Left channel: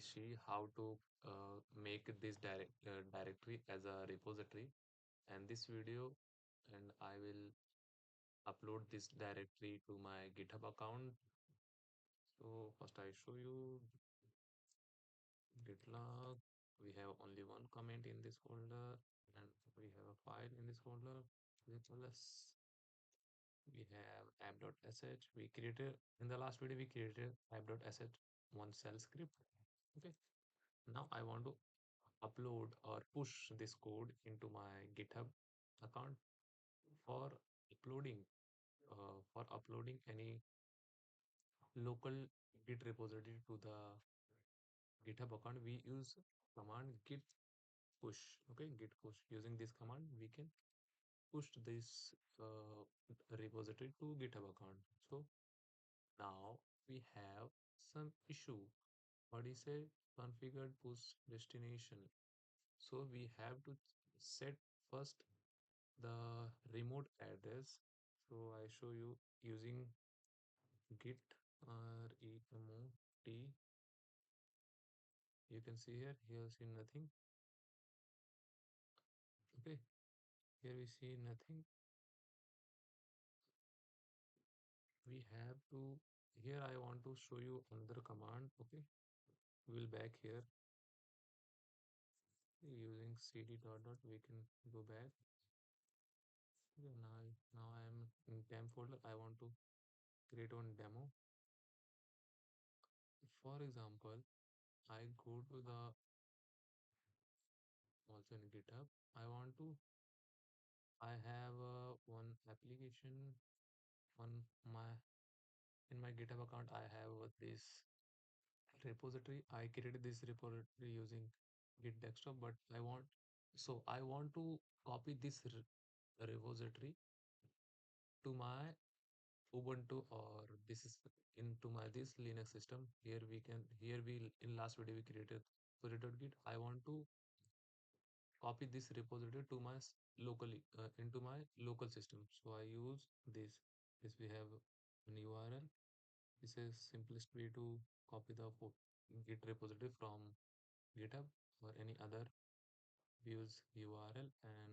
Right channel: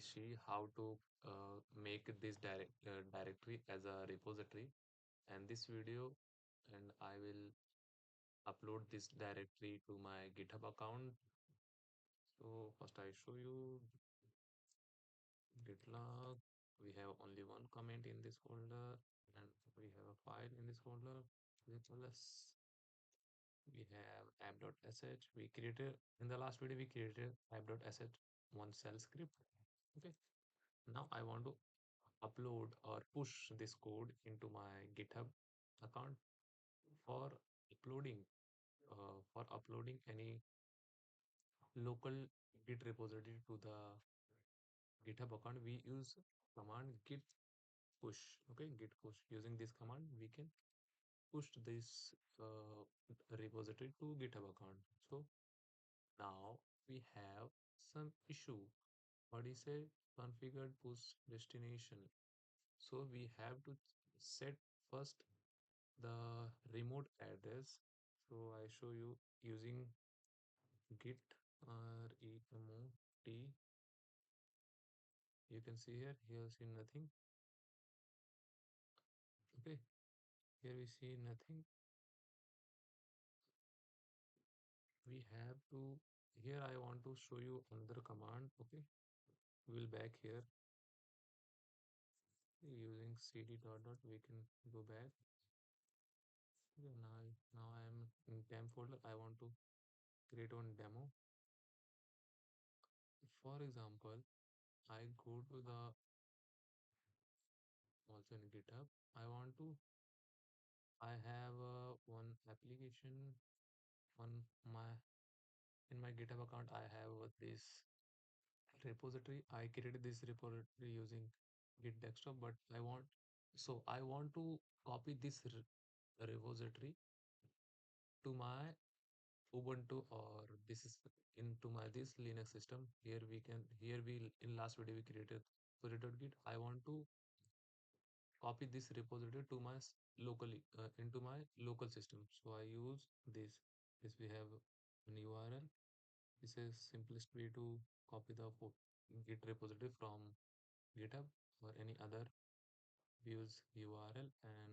see how to make this directory as a repository, and this video, and I will upload this directory to my GitHub account. So first I show you git log. We have only one comment in this folder, and we have a file in this folder. Plus we have app.sh. We created in the last video, we created app.sh one shell script. Okay, now I want to upload or push this code into my GitHub account. For uploading any local Git repository to the GitHub account, we use command git push. Okay, git push. Using this command, we can push this repository to GitHub account. So now we have some issue. What is a configured push destination? So we have to set first the remote address. So I show you using git remot. You can see here see nothing. Okay, here we see nothing. We have to, here I want to show you another command. Okay, we'll back here using cd dot dot. We can go back. Okay, now I am in temp folder. I want to create one demo. For example, I go to the also in GitHub. I want to, I have one application on my, in my GitHub account. I have this repository. I created this repository using Git desktop, but I want to copy this repository to my Ubuntu, or this is into my this Linux system. Here we in last video we created repository.git. I want to copy this repository to my locally into my local system. So I use this we have an URL. This is simplest way to copy the git repository from GitHub or any other. Use URL and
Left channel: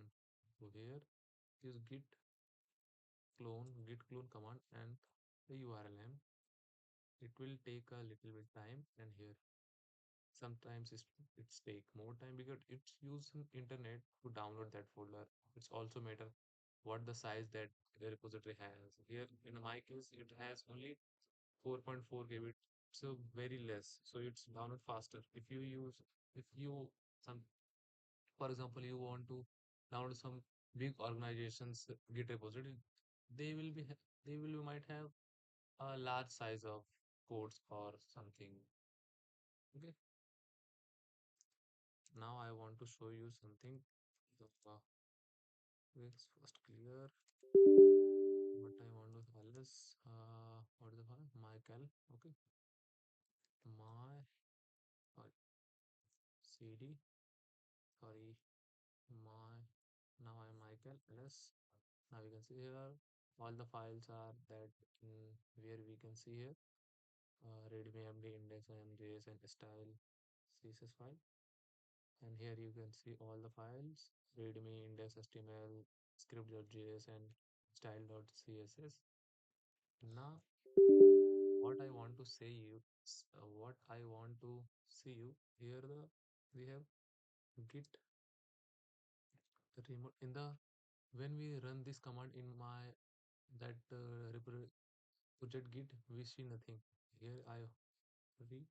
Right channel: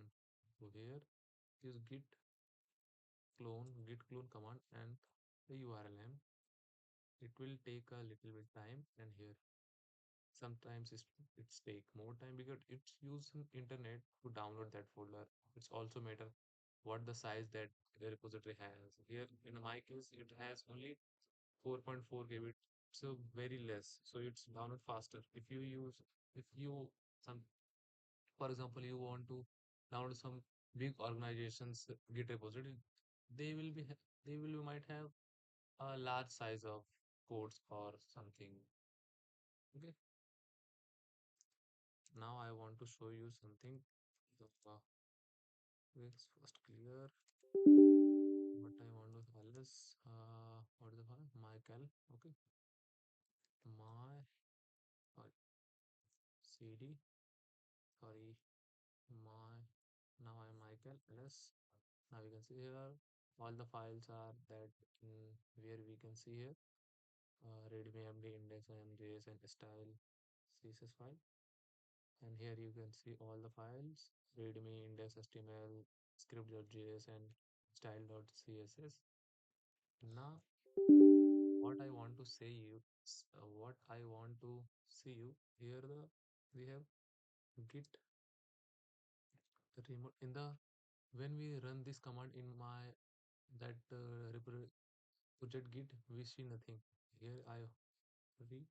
to here use git clone command and the URL name. It will take a little bit time, and here sometimes it's take more time because it's using internet to download that folder. It's also matter what the size that the repository has. Here in my case it has only 4.4 GB, so very less, so it's download faster. If you some for example you want to download some big organizations git repository, they will be they will might have a large size of codes or something. Okay, now I want to show you something. uh, let's first clear what I want to file is what is the file, mycal. Okay, my sorry, cd sorry my now I'm mycal ls. Now we can see here all the files are that in where we can see here readme md index mjs and style css file. And here you can see all the files: readme, index html, script.js and style.css. Now what I want to say you what I want to see you here, the we have git remote in the, when we run this command in my that project git, we see nothing. Here I re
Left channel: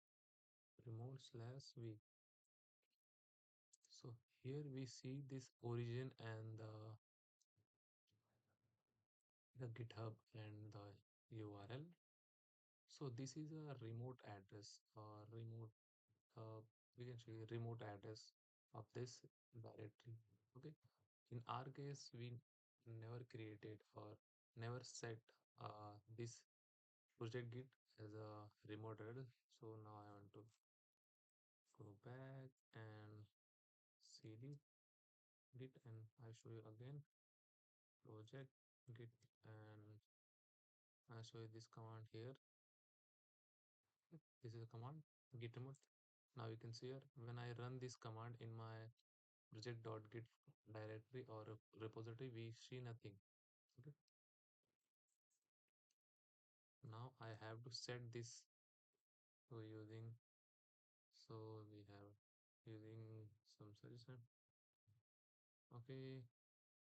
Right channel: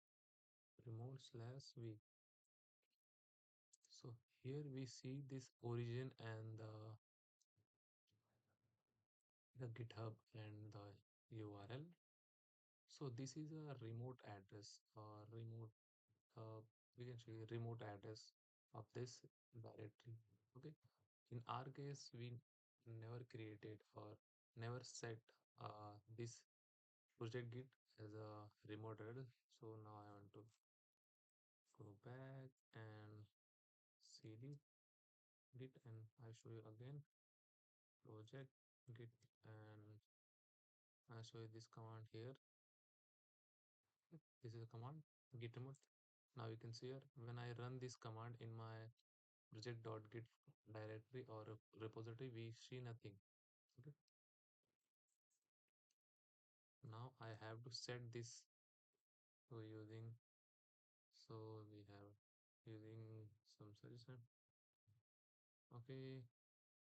remote slash v. So here we see this origin and the GitHub and the URL. So this is a remote address or remote, we can say remote address of this directory. Okay. In our case, we never created or never set this project git as a remote address. So now I want to go back and cd git, and I show you again project git, and I show you this command here. This is a command git remote. Now you can see here when I run this command in my project.git directory or repository, we see nothing. Okay. Now I have to set this. So using so we have using some suggestion. Okay,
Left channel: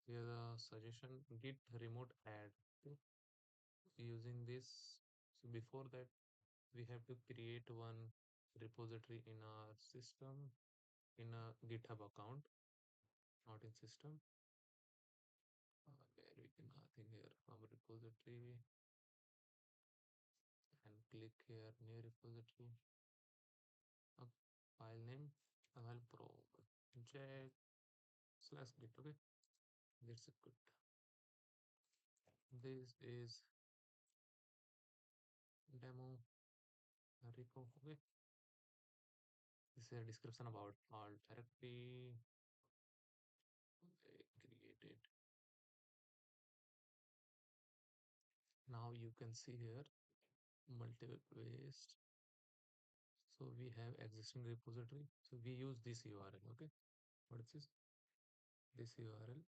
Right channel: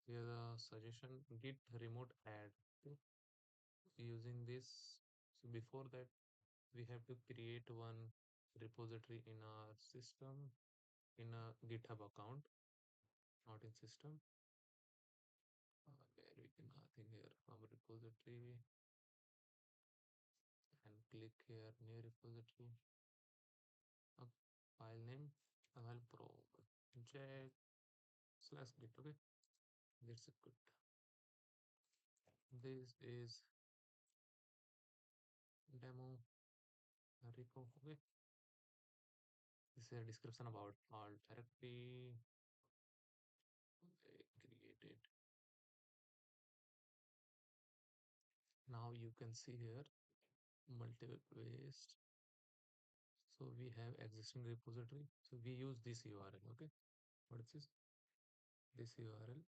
here the suggestion git remote add. Okay. Using this, so before that we have to create one repository in our system in a GitHub account, not in system. Where we can, I think here from repository and click here new repository. Uh, File name file project slash git. Okay, that's a good. This is demo repo. Okay, this is a description about all directory. Okay, created. Now you can see here multiple waste. So we have existing repository. So we use this URL. Okay, what is this? This URL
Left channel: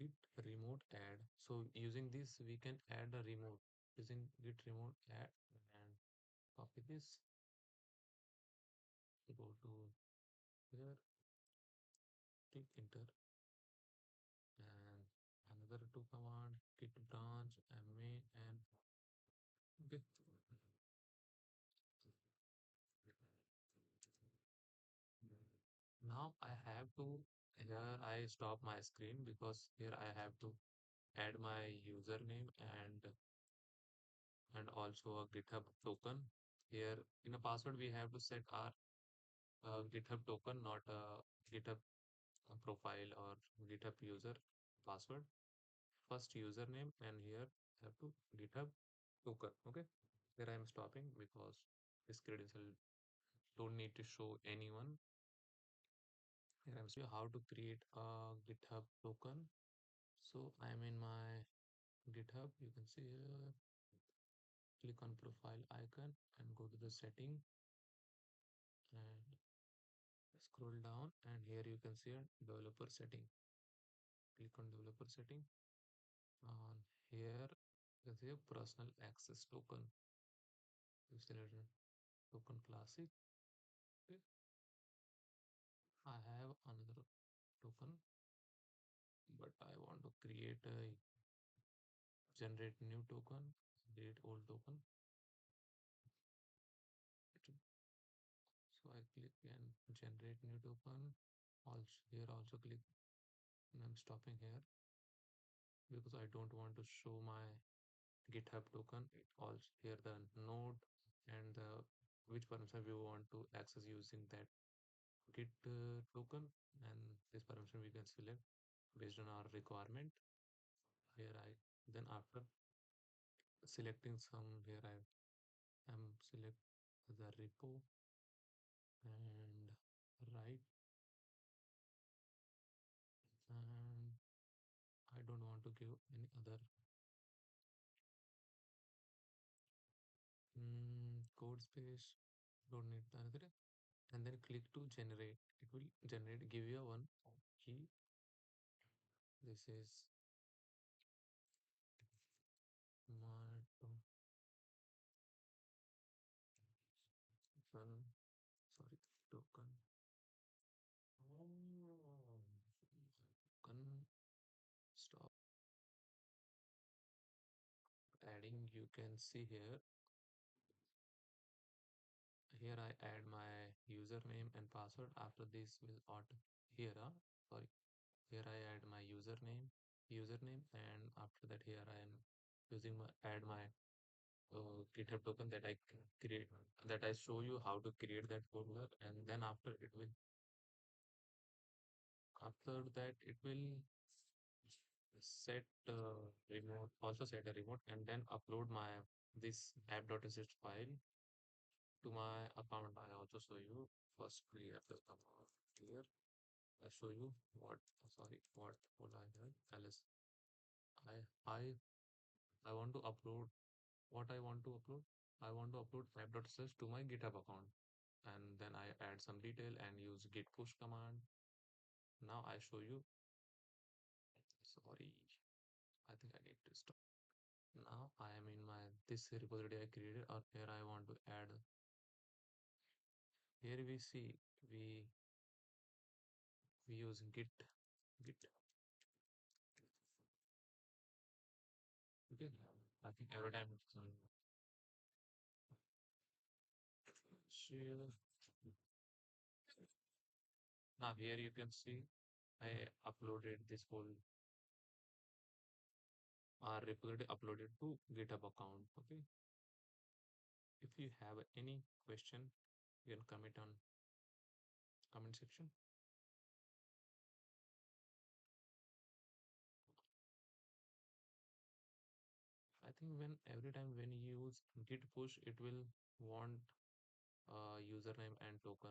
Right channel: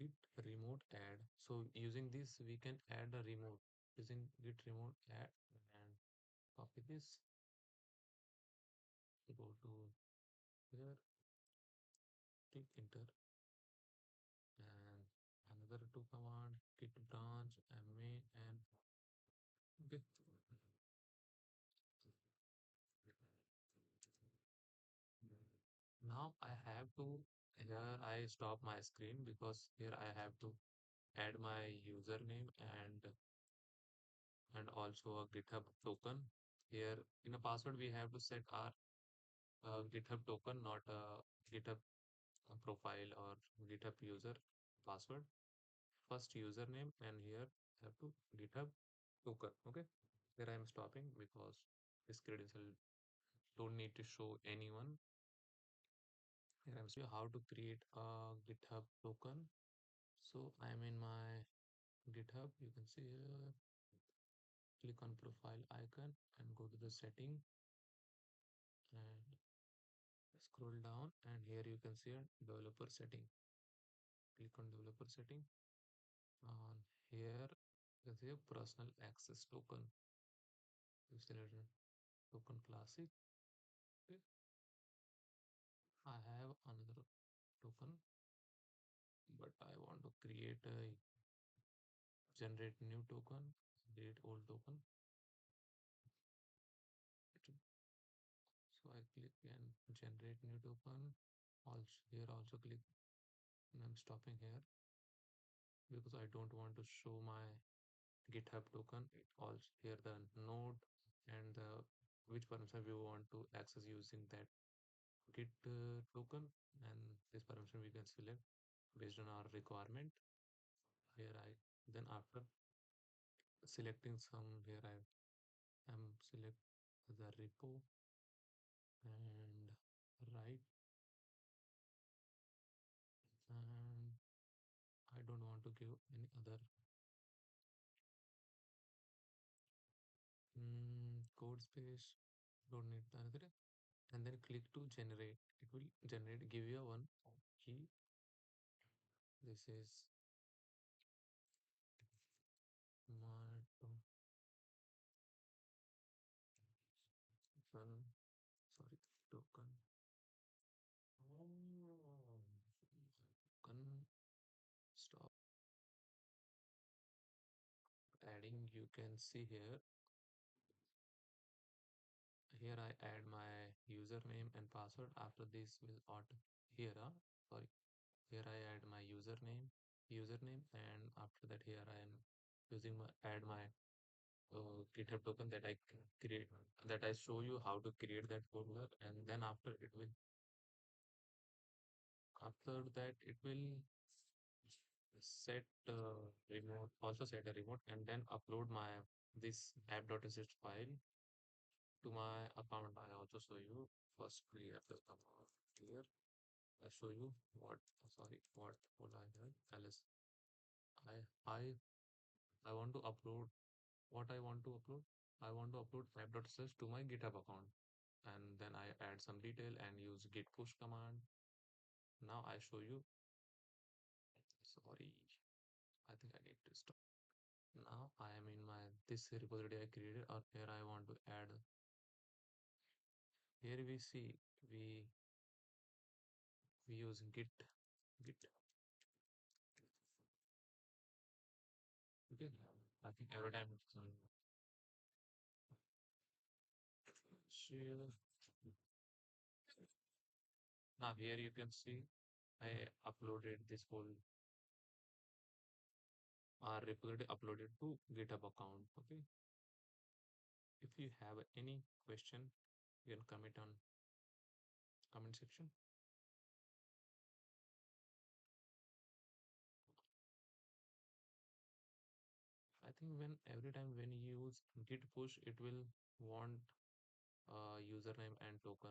git remote add. So using this we can add a remote using git remote add and copy this. Go to here, click enter, and another two command git branch ma and okay. Now I have to here I stop my screen because here I have to add my username and also a GitHub token. Here in a password we have to set our GitHub token, not a GitHub profile or GitHub user password. First username and here have to GitHub token. Okay, here I am stopping because this credential don't need to show anyone. Here I'm showing you how to create a GitHub token. So I'm in my GitHub. You can see here, click on profile icon and go to the setting and scroll down and here you can see a developer setting. Click on developer setting. On here you can see a personal access token. You select token classic. Okay. I have another token, but I want to create a generate new token, create old token. So I click and generate new token. Also here also click and I'm stopping here because I don't want to show my GitHub token. It also here the node and the which permission we want to access using that Git token, and this permission we can select based on our requirement. Here I then after selecting some here I am select the repo and write, and I don't want to give any other code space, don't need the other, and then click to generate. It will generate, give you a one key. This is my token, sorry, token. Token stop adding. You can see here. Here I add my username and password. After this will auto here. Sorry. Here I add my username, and after that here I am using my add my GitHub token that I create, that I show you how to create that folder, and then after that it will set remote, also set a remote, and then upload my this app.sh file to my account. I also show you first clear the account here. I show you what, sorry, what I have ls I I I want to upload what I want to upload. I want to upload app.sh to my GitHub account. and then I add some detail and use git push command. Now I show you. Sorry, I think I need to stop. Now I am in my this repository I created, or here I want to add. Here we see we use git. Okay, I think every time it's share. Now here you can see I uploaded this whole repository uploaded to GitHub account. Okay, if you have any question, you can comment on comment section. I think when every time when you use git push, it will want username and token.